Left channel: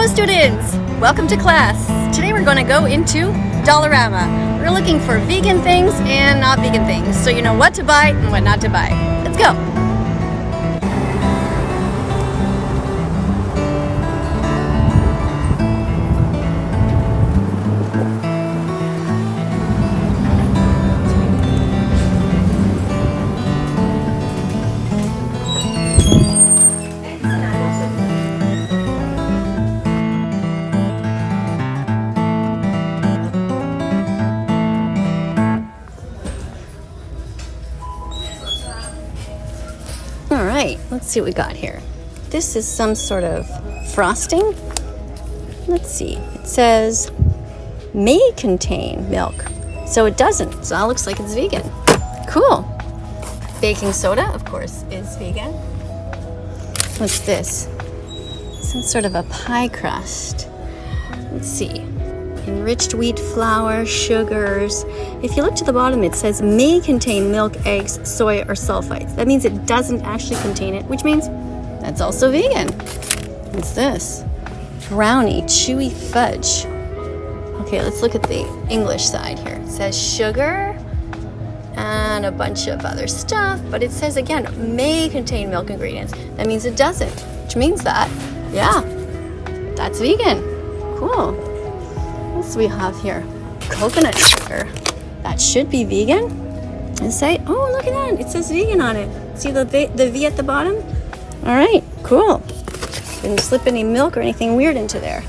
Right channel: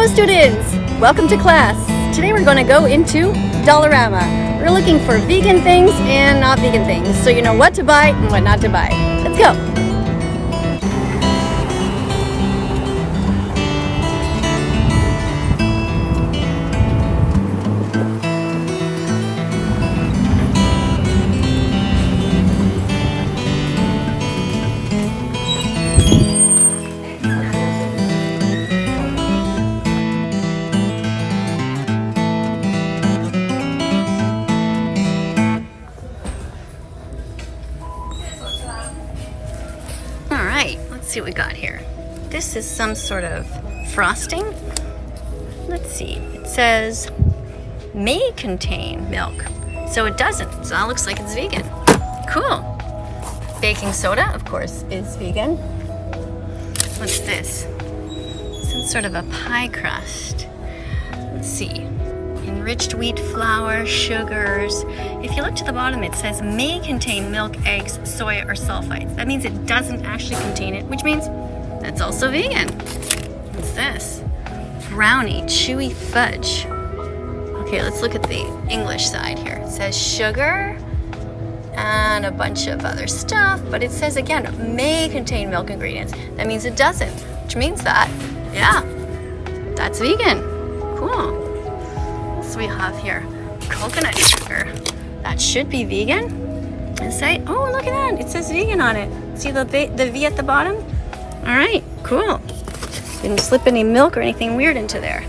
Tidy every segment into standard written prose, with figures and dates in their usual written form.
Hello students! Welcome to class. Today we're going to go into Dollarama. We're looking for vegan things and not vegan things, so you know what to buy and what not to buy. Let's go! Alright, let's see what we got here. This is some sort of frosting. Let's see. It says may contain milk. So it doesn't. So that looks like it's vegan. Cool. Baking soda, of course, is vegan. What's this? Some sort of a pie crust. Let's see. Enriched wheat flour, sugars. If you look to the bottom, it says may contain milk, eggs, soy, or sulfites. That means it doesn't actually contain it, which means that's also vegan. What's this? Brownie, chewy fudge. Okay, let's look at the English side here. It says sugar and a bunch of other stuff, but it says again, may contain milk ingredients. That means it doesn't, which means that, yeah, that's vegan. Cool. We have here coconut sugar. That should be vegan. And say, oh, look at that. It says vegan on it. See the V at the bottom? All right, cool. Didn't slip any milk or anything weird into there.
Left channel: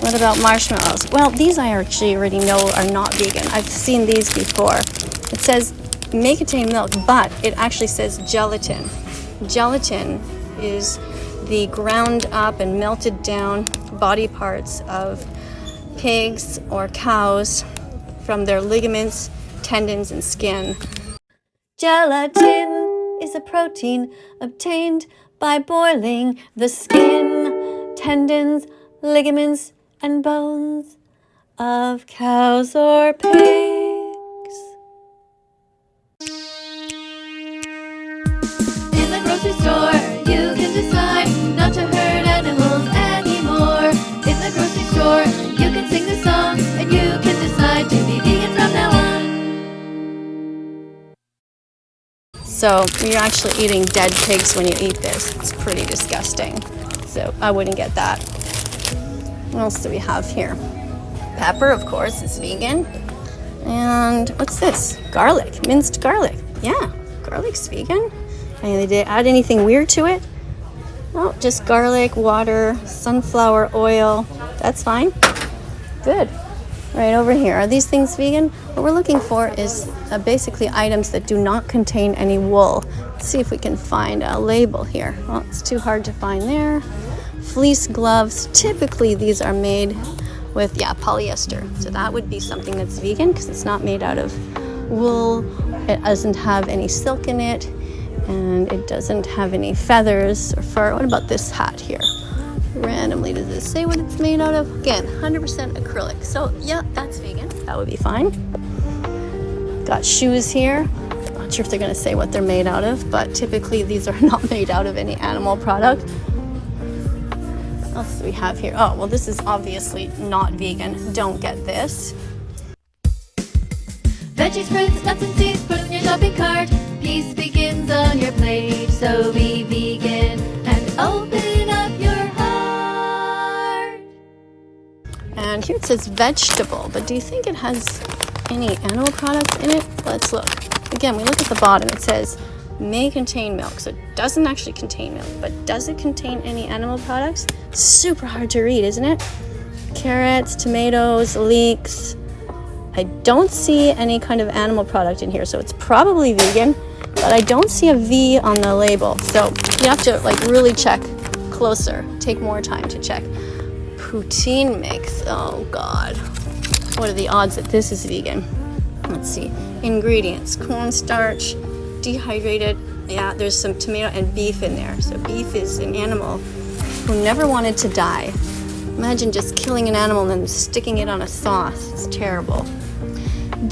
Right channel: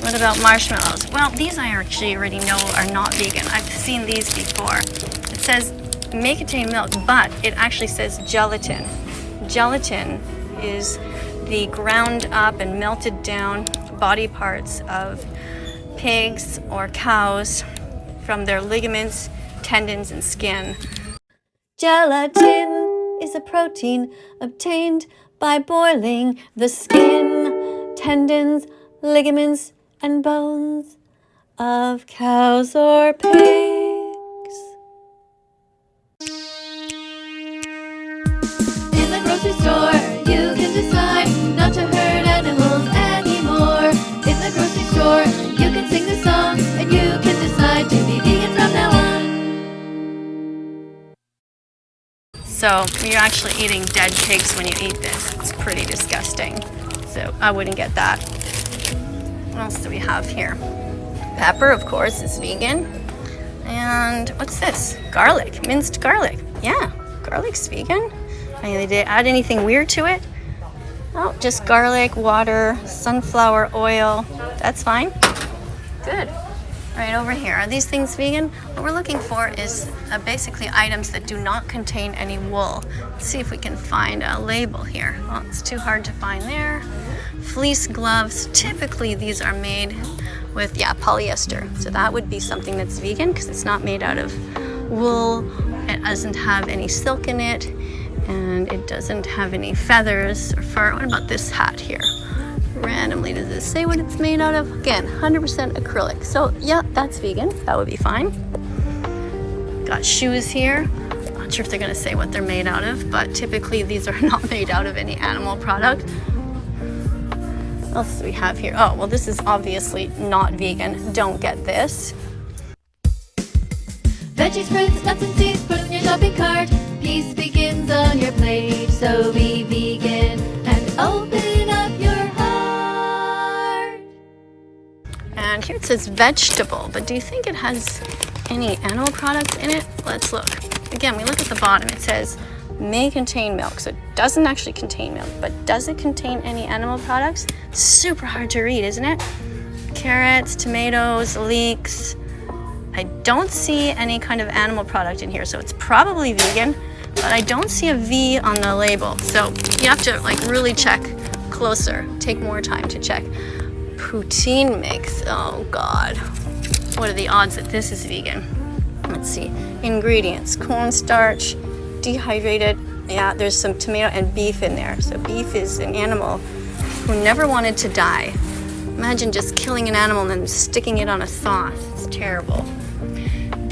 What about marshmallows? Well, these I actually already know are not vegan. I've seen these before. It says may contain milk, but it actually says gelatin. Gelatin is the ground up and melted down body parts of pigs or cows from their ligaments, tendons, and skin. Gelatin is a protein obtained by boiling the skin, tendons, ligaments, and bones of cows or pigs. In the grocery store, you can decide not to hurt animals anymore. In the grocery store, you can sing the song, and you can decide to be vegan from now on. So you're actually eating dead pigs when you eat this. It's pretty disgusting. So I wouldn't get that. What else do we have here? Pepper, of course, is vegan. And what's this? Garlic, minced garlic. Yeah, garlic's vegan. I mean, they didn't add anything weird to it. Oh, just garlic, water, sunflower oil. That's fine. Good. Right over here. Are these things vegan? What we're looking for is basically items that do not contain any wool. Let's see if we can find a label here. Oh, it's too hard to find there. Fleece gloves. Typically these are made with, polyester. So that would be something that's vegan because it's not made out of wool. It doesn't have any silk in it. And it doesn't have any feathers or fur. What about this hat here? Randomly, does it say what it's made out of? Again, 100% acrylic. So yeah, that's vegan. That would be fine. Got shoes here. Not sure if they're gonna say what they're made out of, but typically these are not made out of any animal product. What else do we have here? Oh, well, this is obviously not vegan. Don't get this. Veggies, fruits, nuts, and seeds, put in your shopping cart. Peace begins on your plate, so be vegan and open up your heart. And here it says vegetable, but do you think it has any animal products in it? Let's look. Again, we look at the bottom. It says may contain milk, so it doesn't actually contain milk, but does it contain any animal products? Super hard to read, isn't it? Carrots, tomatoes, leeks. I don't see any kind of animal product in here, so it's probably vegan, but I don't see a V on the label. So you have to really check closer, take more time to check. Poutine mix, oh God. What are the odds that this is vegan? Let's see, ingredients, cornstarch, dehydrated. Yeah, there's some tomato and beef in there. So beef is an animal who never wanted to die. Imagine just killing an animal and then sticking it on a sauce. It's terrible.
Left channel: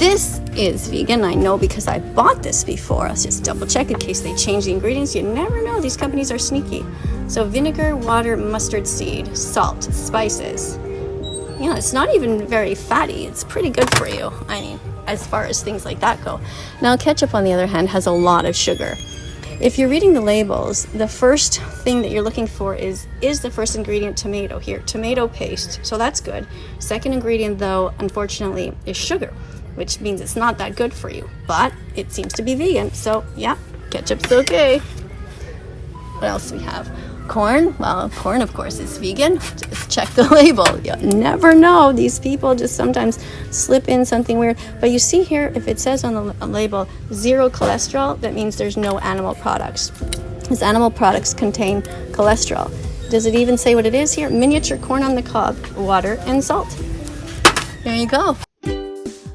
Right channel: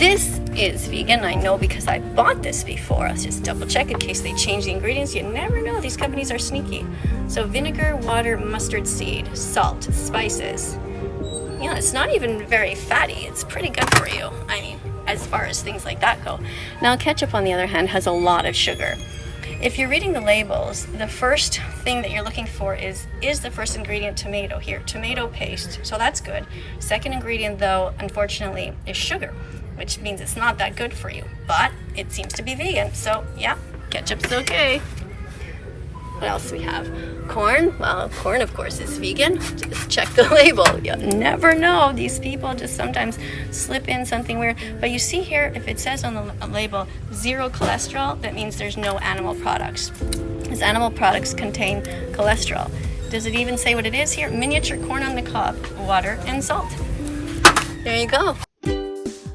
This is vegan, I know, because I bought this before. Let's just double check in case they change the ingredients. You never know, these companies are sneaky. So vinegar, water, mustard seed, salt, spices. You know, it's not even very fatty. It's pretty good for you, I mean, as far as things like that go. Now, ketchup, on the other hand, has a lot of sugar. If you're reading the labels, the first thing that you're looking for is the first ingredient tomato here, tomato paste, so that's good. Second ingredient, though, unfortunately, is sugar, which means it's not that good for you, but it seems to be vegan, so yeah, ketchup's okay. What else do we have? Corn. Well, corn, of course, is vegan. Just check the label. You never know. These people just sometimes slip in something weird. But you see here, if it says on the label 0 cholesterol, that means there's no animal products. Because animal products contain cholesterol. Does it even say what it is here? Miniature corn on the cob, water, and salt. There you go.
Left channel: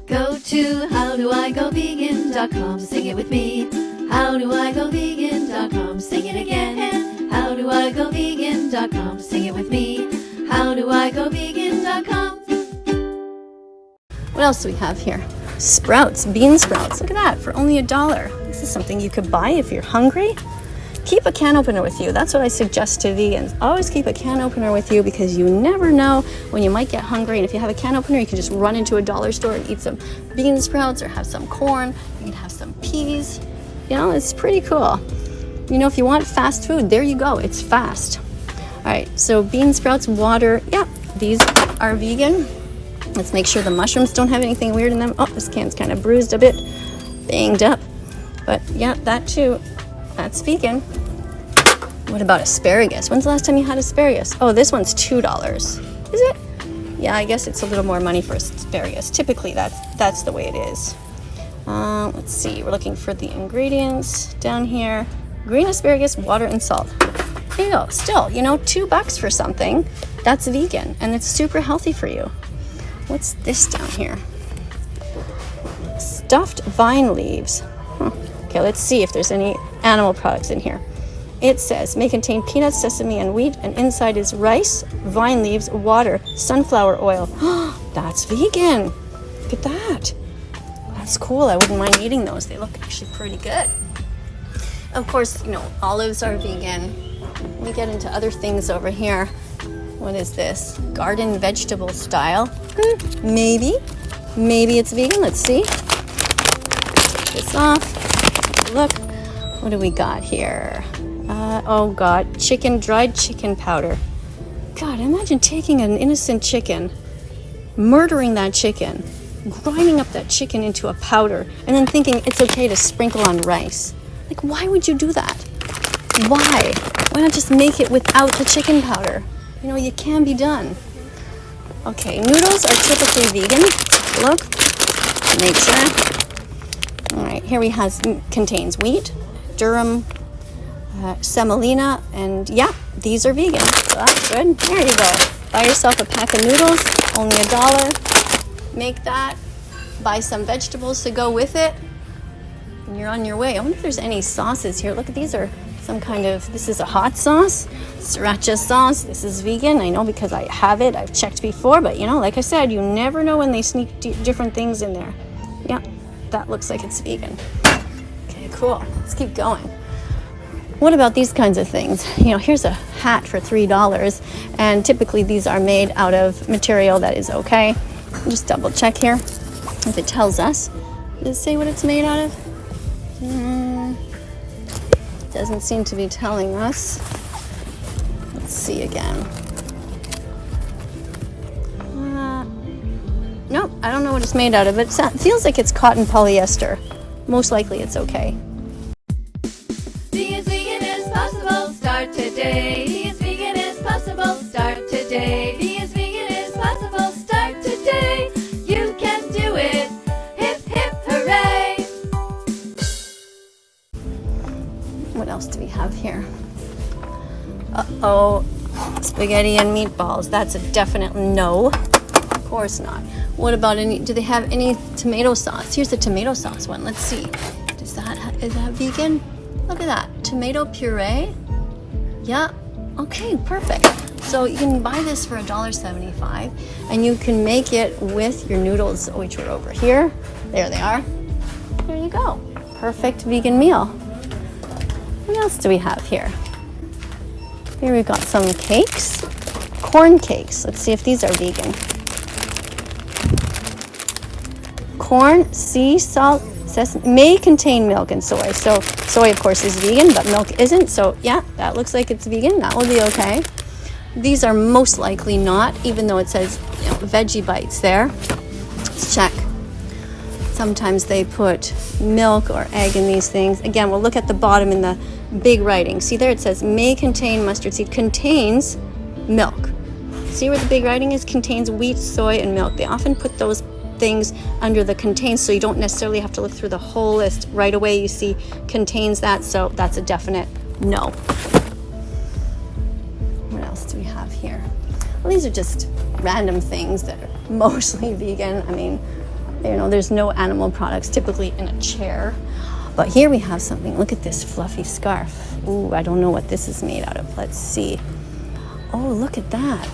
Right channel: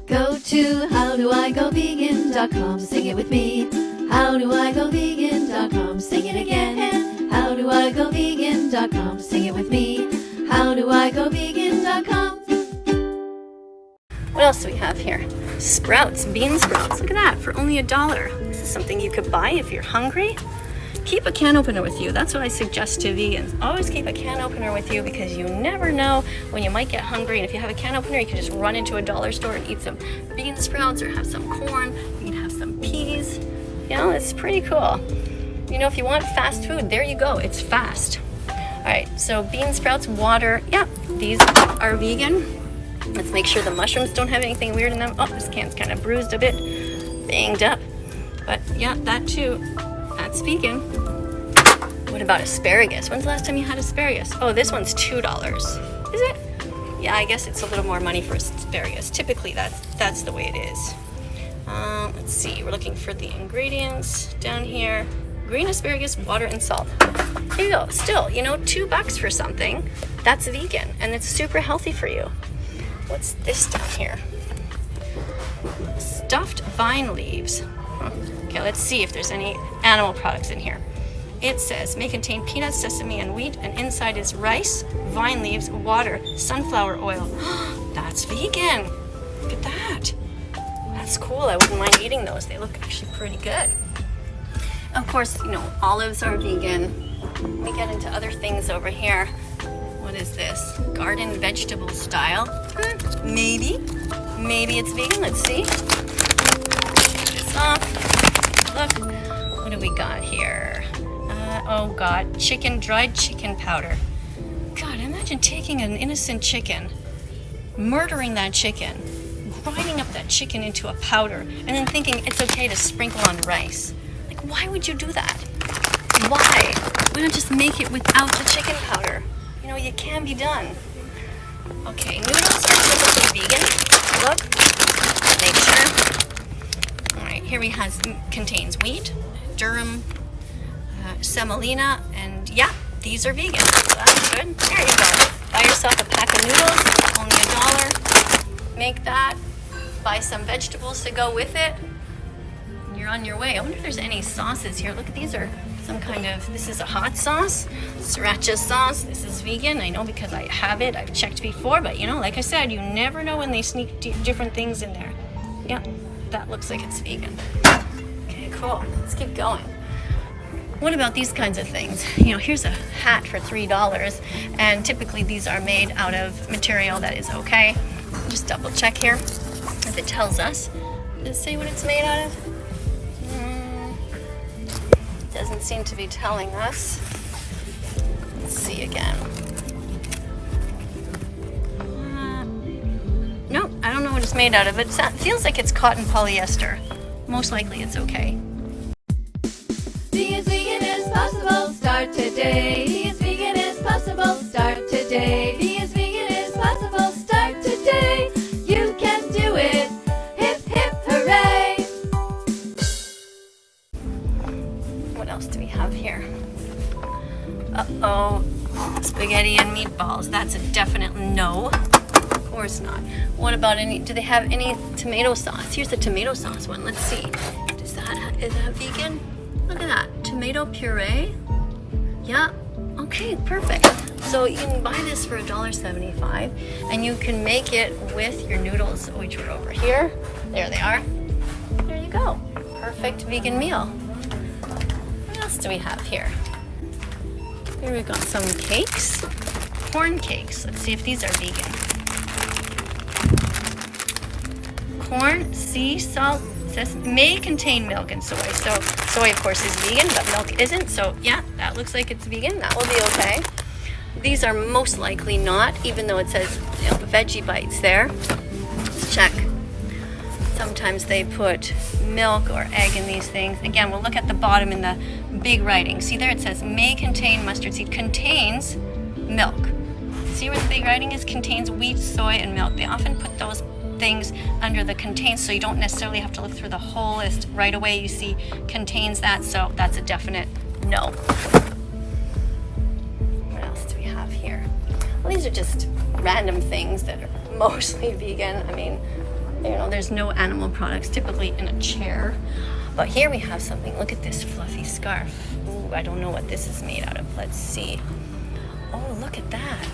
Go to howdoigovegan.com, sing it with me. Howdoigovegan.com, sing it again. Howdoigovegan.com, sing it with me. Howdoigovegan.com. What else do we have here? Sprouts, bean sprouts. Look at that, for only $1. This is something you could buy if you're hungry. Keep a can opener with you. That's what I suggest to vegans. Always keep a can opener with you because you never know when you might get hungry. And if you have a can opener, you can just run into a dollar store and eat some bean sprouts or have some corn. You can have some peas. You know, it's pretty cool. You know, if you want fast food, there you go. It's fast. All right, so bean sprouts, water. Yeah, these are vegan. Let's make sure the mushrooms don't have anything weird in them. Oh, this can's kind of bruised a bit, banged up. But yeah, that too. That's vegan. What about asparagus? When's the last time you had asparagus? Oh, this one's $2. Is it? Yeah, I guess it's a little more money for asparagus. Typically, that's the way it is. Let's see. We're looking for the ingredients down here. Green asparagus, water, and salt. You know, still, you know, $2 for something that's vegan and it's super healthy for you. What's this down here? Stuffed vine leaves. Okay, let's see if there's any animal products in here. It says may contain peanuts, sesame, and wheat, and inside is rice, vine leaves, water, sunflower oil. That's vegan. Look at that. That's cool. I wouldn't mind eating those. They look actually pretty good. Of course, you know, olives are vegan. Let me get into other things over here. What is this? Garden vegetable style? Maybe. Maybe it's vegan. Let's see. Take this off. Look. What do we got here? Oh God, dried chicken powder. God, imagine taking an innocent chicken, murdering that chicken, grinding up that chicken into a powder, and then thinking it's okay to sprinkle on rice. Like, why would you do that? Why? Why not just make it without the chicken powder? You know, you can be done. Okay, noodles are typically vegan. Look, make sure. All right, here we have contains wheat, durum, semolina, and yeah, these are vegan. So that's good. There you go. Buy yourself a pack of noodles, only $1. Make that. Buy some vegetables to go with it. And you're on your way. I wonder if there's any sauces here. Look, these are some kind of, this is a hot sauce, sriracha sauce. This is vegan. I know because I have it. I've checked before, but you know, like I said, you never know when they sneak different things in there. Yeah, that looks like it's vegan. Okay, cool. Let's keep going. What about these kinds of things? You know, here's a hat for $3, and typically these are made out of material that is okay. Just double check here if it tells us. Does it say what it's made out of? Doesn't seem to be telling us. Let's see again. No, I don't know what it's made out of. It feels like it's cotton polyester. Most likely it's okay. Be as vegan as possible, start today. Be as vegan as possible, start today. Be as vegan as possible, start today. You can do it. Hip, hip, hooray. What else do we have here? Uh-oh. Spaghetti and meatballs. That's a definite no. Of course not. What about do they have any tomato sauce? Here's the tomato sauce one. Let's see. Is that vegan? Look at that. Tomato puree. Yeah. Okay, perfect. So you can buy this for $1.75, and you can make it with your noodles, which are over here. There they are. There you go. Perfect vegan meal. What else do we have here? Here we've got some cakes. Corn cakes. Let's see if these are vegan. Corn, sea salt, sesame, may contain milk and soy. So soy, of course, is vegan, but milk isn't. So yeah, that looks like it's vegan. That will be okay. These are most likely not, even though it says veggie bites there. Let's check. Sometimes they put milk or egg in these things. Again, we'll look at the bottom in the big writing. See there, it says may contain mustard seed, contains milk. See where the big writing is? Contains wheat, soy, and milk. They often put those things under the contains, so you don't necessarily have to look through the whole list. Right away you see contains that, so that's a definite no. What else do we have here? Well, these are just random things that are mostly vegan. I mean, you know, there's no animal products typically in a chair. But here we have something. Look at this fluffy scarf. Ooh, I don't know what this is made out of. Let's see. Oh, look at that.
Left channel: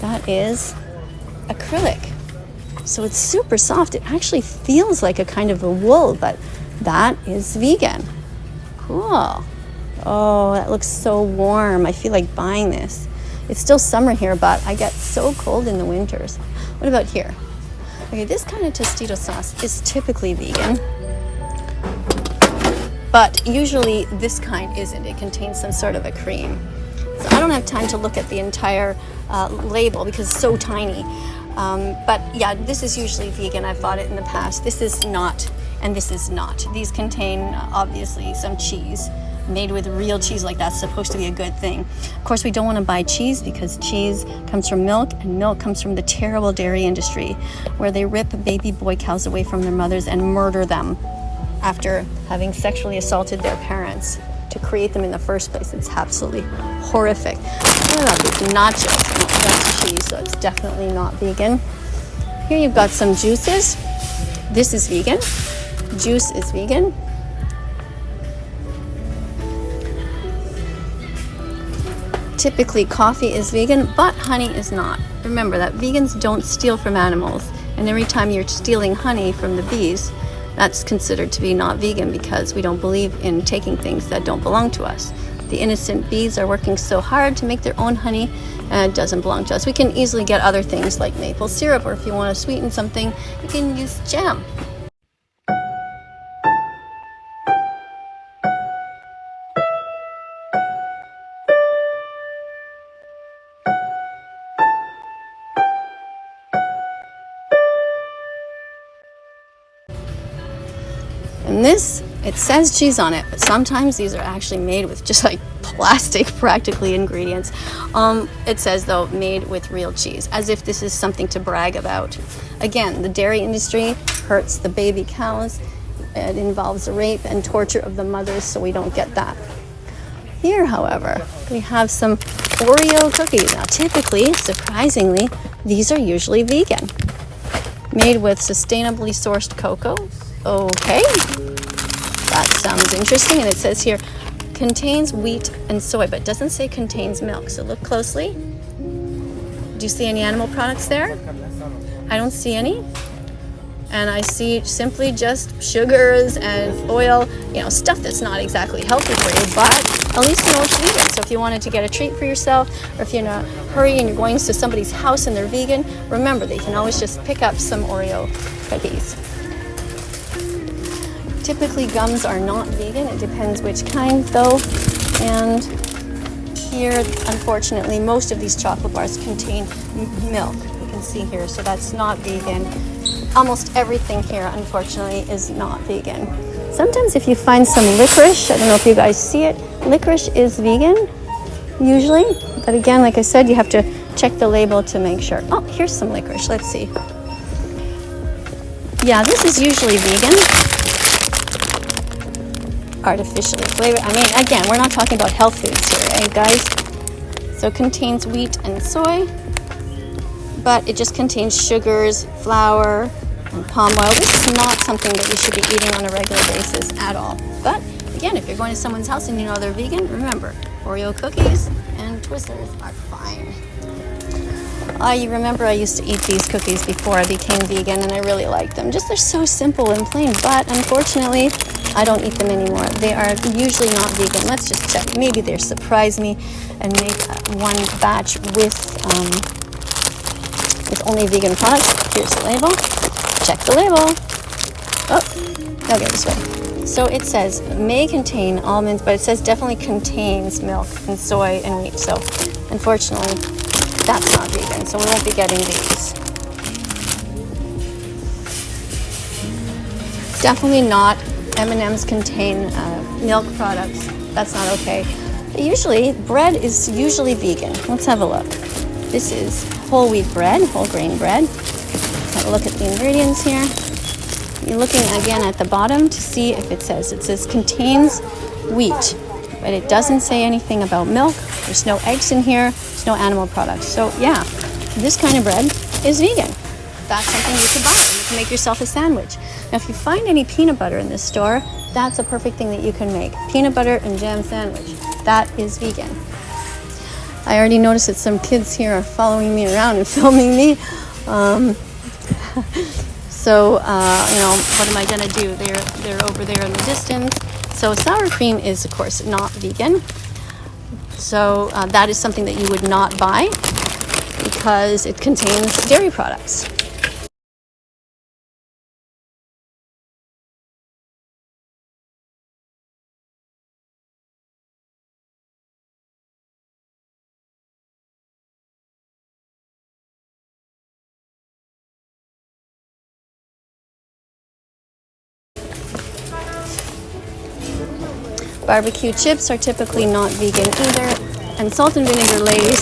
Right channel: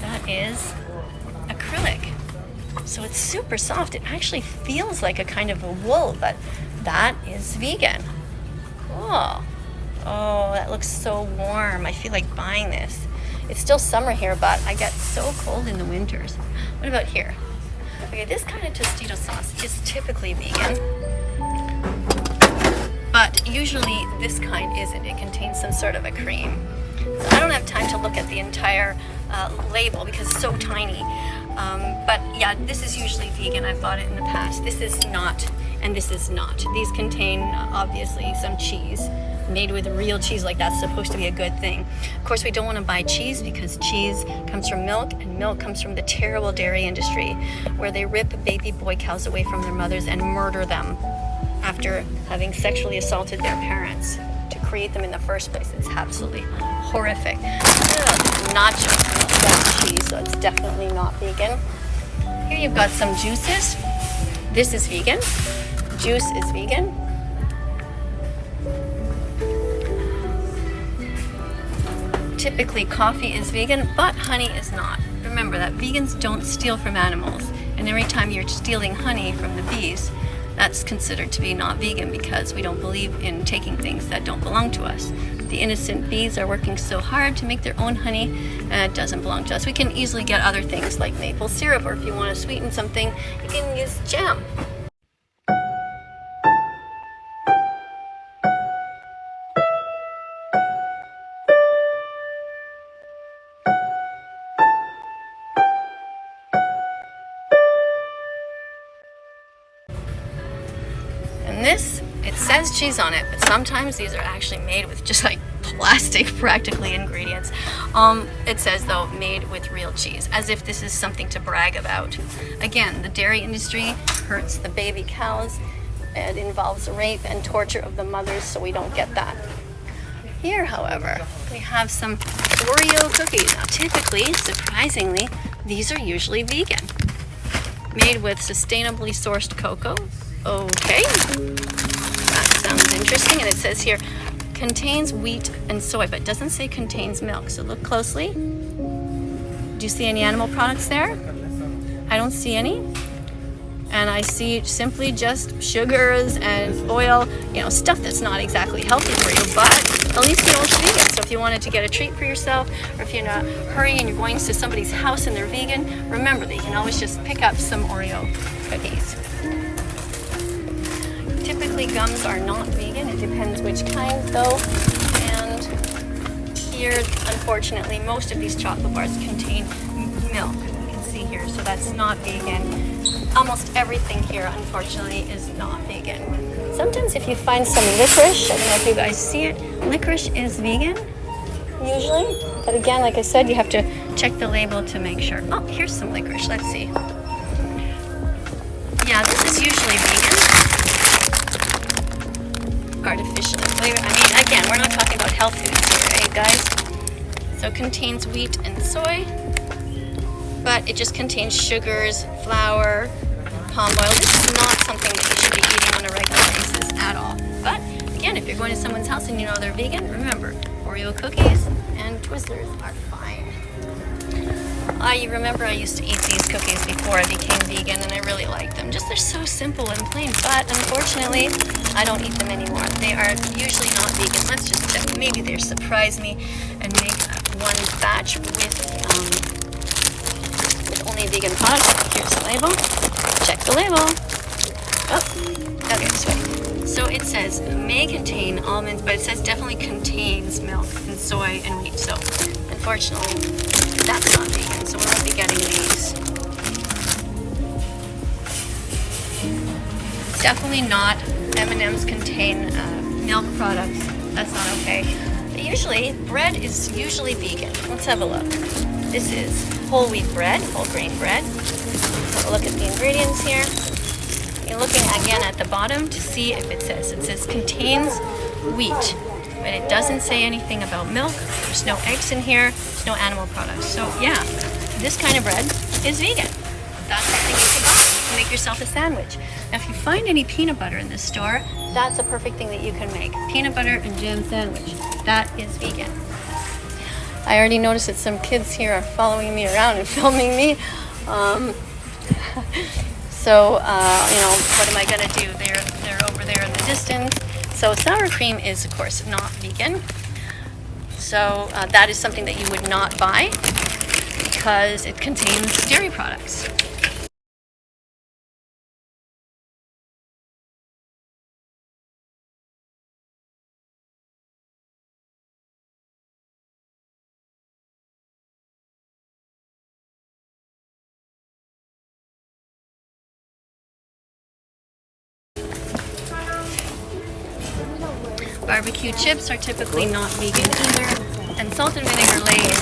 That is acrylic. So it's super soft. It actually feels like a kind of a wool, but that is vegan. Cool. Oh, that looks so warm. I feel like buying this. It's still summer here, but I get so cold in the winters. What about here? Okay, this kind of Tostito sauce is typically vegan, but usually this kind isn't. It contains some sort of a cream. So I don't have time to look at the entire label because it's so tiny. But yeah, this is usually vegan. I've bought it in the past. This is not, and this is not. These contain obviously some cheese. Made with real cheese like that's supposed to be a good thing. Of course, we don't want to buy cheese because cheese comes from milk, and milk comes from the terrible dairy industry where they rip baby boy cows away from their mothers and murder them after having sexually assaulted their parents to create them in the first place. It's absolutely horrific. Nachos cheese, so it's definitely not vegan. Here you've got some juices. This is vegan. Juice is vegan. Typically coffee is vegan, but honey is not. Remember that vegans don't steal from animals, and every time you're stealing honey from the bees, that's considered to be not vegan because we don't believe in taking things that don't belong to us. The innocent bees are working so hard to make their own honey, and it doesn't belong to us. We can easily get other things like maple syrup, or if you want to sweeten something, you can use jam. And this, it says cheese on it, but sometimes these are actually made with just like plastic, practically, ingredients. It says though, made with real cheese, as if this is something to brag about. Again, the dairy industry hurts the baby cows. It involves rape and torture of the mothers, so we don't get that. Here, however, we have some Oreo cookies. Now, typically, surprisingly, these are usually vegan. Made with sustainably sourced cocoa. Okay, that sounds interesting. And it says here, contains wheat and soy, but it doesn't say contains milk. So look closely. Do you see any animal products there? I don't see any. And I see simply just sugars and oil, you know, stuff that's not exactly healthy for you, but at least you know what to do. So if you wanted to get a treat for yourself, or if you're in a hurry and you're going to somebody's house and they're vegan, remember that you can always just pick up some Oreo cookies. Typically gums are not vegan, it depends which kind though. And here, unfortunately, most of these chocolate bars contain milk. You can see here, so that's not vegan. Almost everything here, unfortunately, is not vegan. Sometimes if you find some licorice, I don't know if you guys see it, licorice is vegan, usually. But again, like I said, you have to check the label to make sure. Oh, here's some licorice, let's see. Yeah, this is usually vegan. Artificially flavored. I mean, again, we're not talking about health foods here, eh, guys? So it contains wheat and soy, but it just contains sugars, flour, and palm oil. This is not something that we should be eating on a regular basis at all. But again, if you're going to someone's house and you know they're vegan, remember, Oreo cookies and Twizzlers are fine. You remember I used to eat these cookies before I became vegan, and I really liked them. Just they're so simple and plain, but unfortunately, I don't eat them anymore. They are usually not vegan. Let's just check. Maybe they'll surprise me and make one batch with only vegan products. Here's the label. Check the label. Oh, okay, this way. So it says may contain almonds, but it says definitely contains milk and soy and wheat. So unfortunately, that's not vegan, so we won't be getting these. Definitely not. M&Ms contain milk products. That's not okay. But usually, bread is usually vegan. Let's have a look. This is whole wheat bread, whole grain bread. Look at the ingredients here. You're looking again at the bottom to see if it says contains wheat. But it doesn't say anything about milk. There's no eggs in here. There's no animal products. So yeah, this kind of bread is vegan. That's something you can buy. You can make yourself a sandwich. Now, if you find any peanut butter in this store, that's a perfect thing that you can make. Peanut butter and jam sandwich. That is vegan. I already noticed that some kids here are following me around and filming me. So, you know, what am I gonna do? They're over there in the distance. So sour cream is, of course, not vegan. So that is something that you would not buy because it contains dairy products. Barbecue chips are typically not vegan either, and salt and vinegar Lay's,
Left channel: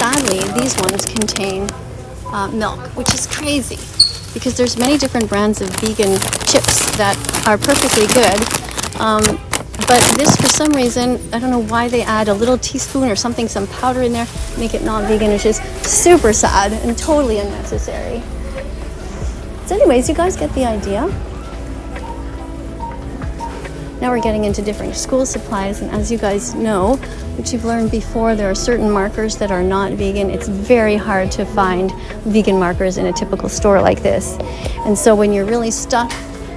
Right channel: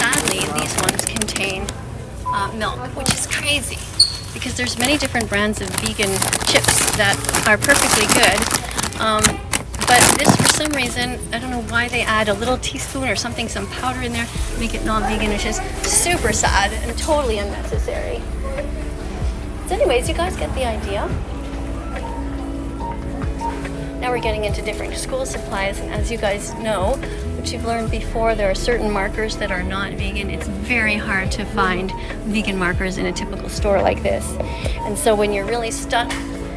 sadly, these ones contain milk, which is crazy because there's many different brands of vegan chips that are perfectly good, but this, for some reason, I don't know why they add a little teaspoon or something, some powder in there, make it not vegan, which is super sad and totally unnecessary. So anyways, you guys get the idea. Now we're getting into different school supplies, and as you guys know, which you've learned before, there are certain markers that are not vegan. It's very hard to find vegan markers in a typical store like this. And so when you're really stuck,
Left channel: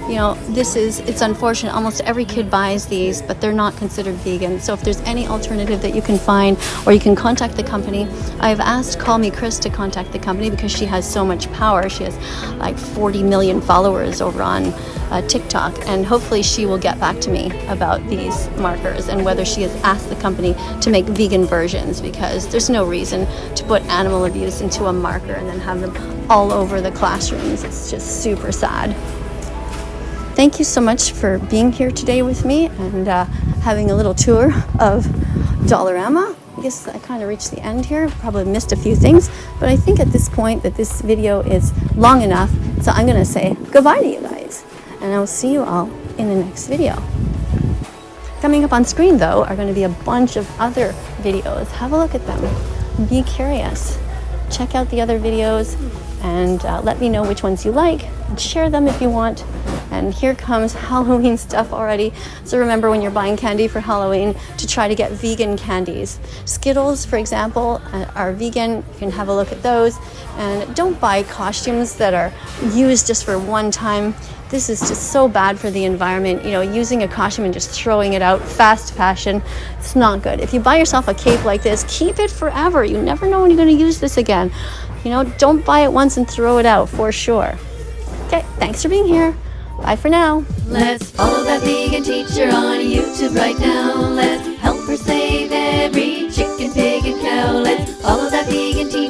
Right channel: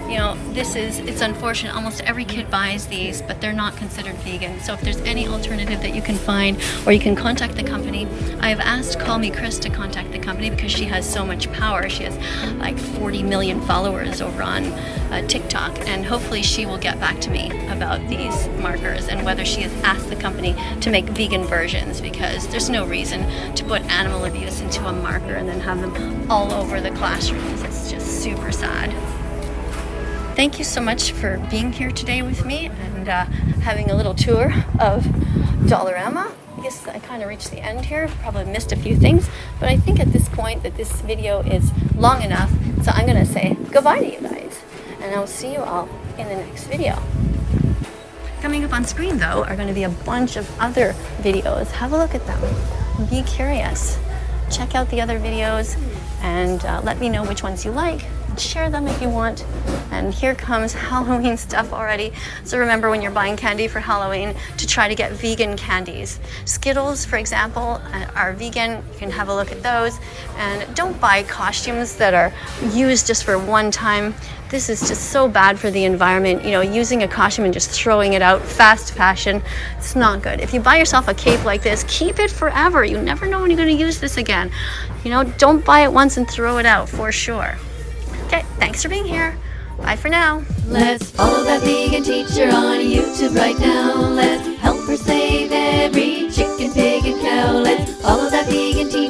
you know, it's unfortunate. Almost every kid buys these, but they're not considered vegan. So if there's any alternative that you can find, or you can contact the company. I've asked Call Me Chris to contact the company because she has so much power. She has like 40 million followers over on TikTok, and hopefully she will get back to me about these markers and whether she has asked the company to make vegan versions, because there's no reason to put animal abuse into a marker and then have them all over the classrooms. It's just super sad. Thank you so much for being here today with me and having a little tour of Dollarama. I guess I kind of reached the end here. Probably missed a few things, but I think at this point that this video is long enough, so I'm going to say goodbye to you guys, and I'll see you all in the next video. Coming up on screen, though, are going to be a bunch of other videos. Have a look at them. Be curious. Check out the other videos and let me know which ones you like. Share them if you want. And here comes Halloween stuff already. So remember, when you're buying candy for Halloween, to try to get vegan candies. Skittles, for example, are vegan. You can have a look at those. And don't buy costumes that are used just for one time. This is just so bad for the environment. You know, using a costume and just throwing it out, fast fashion, it's not good. If you buy yourself a cape like this, keep it forever. You never know when you're going to use this again. You know, don't buy it once and throw it out, for sure. Okay, thanks for being here. Bye for now. Let's follow that vegan teacher on YouTube right now. Let's help her save every chicken, pig, and cow. Let's follow that vegan teacher.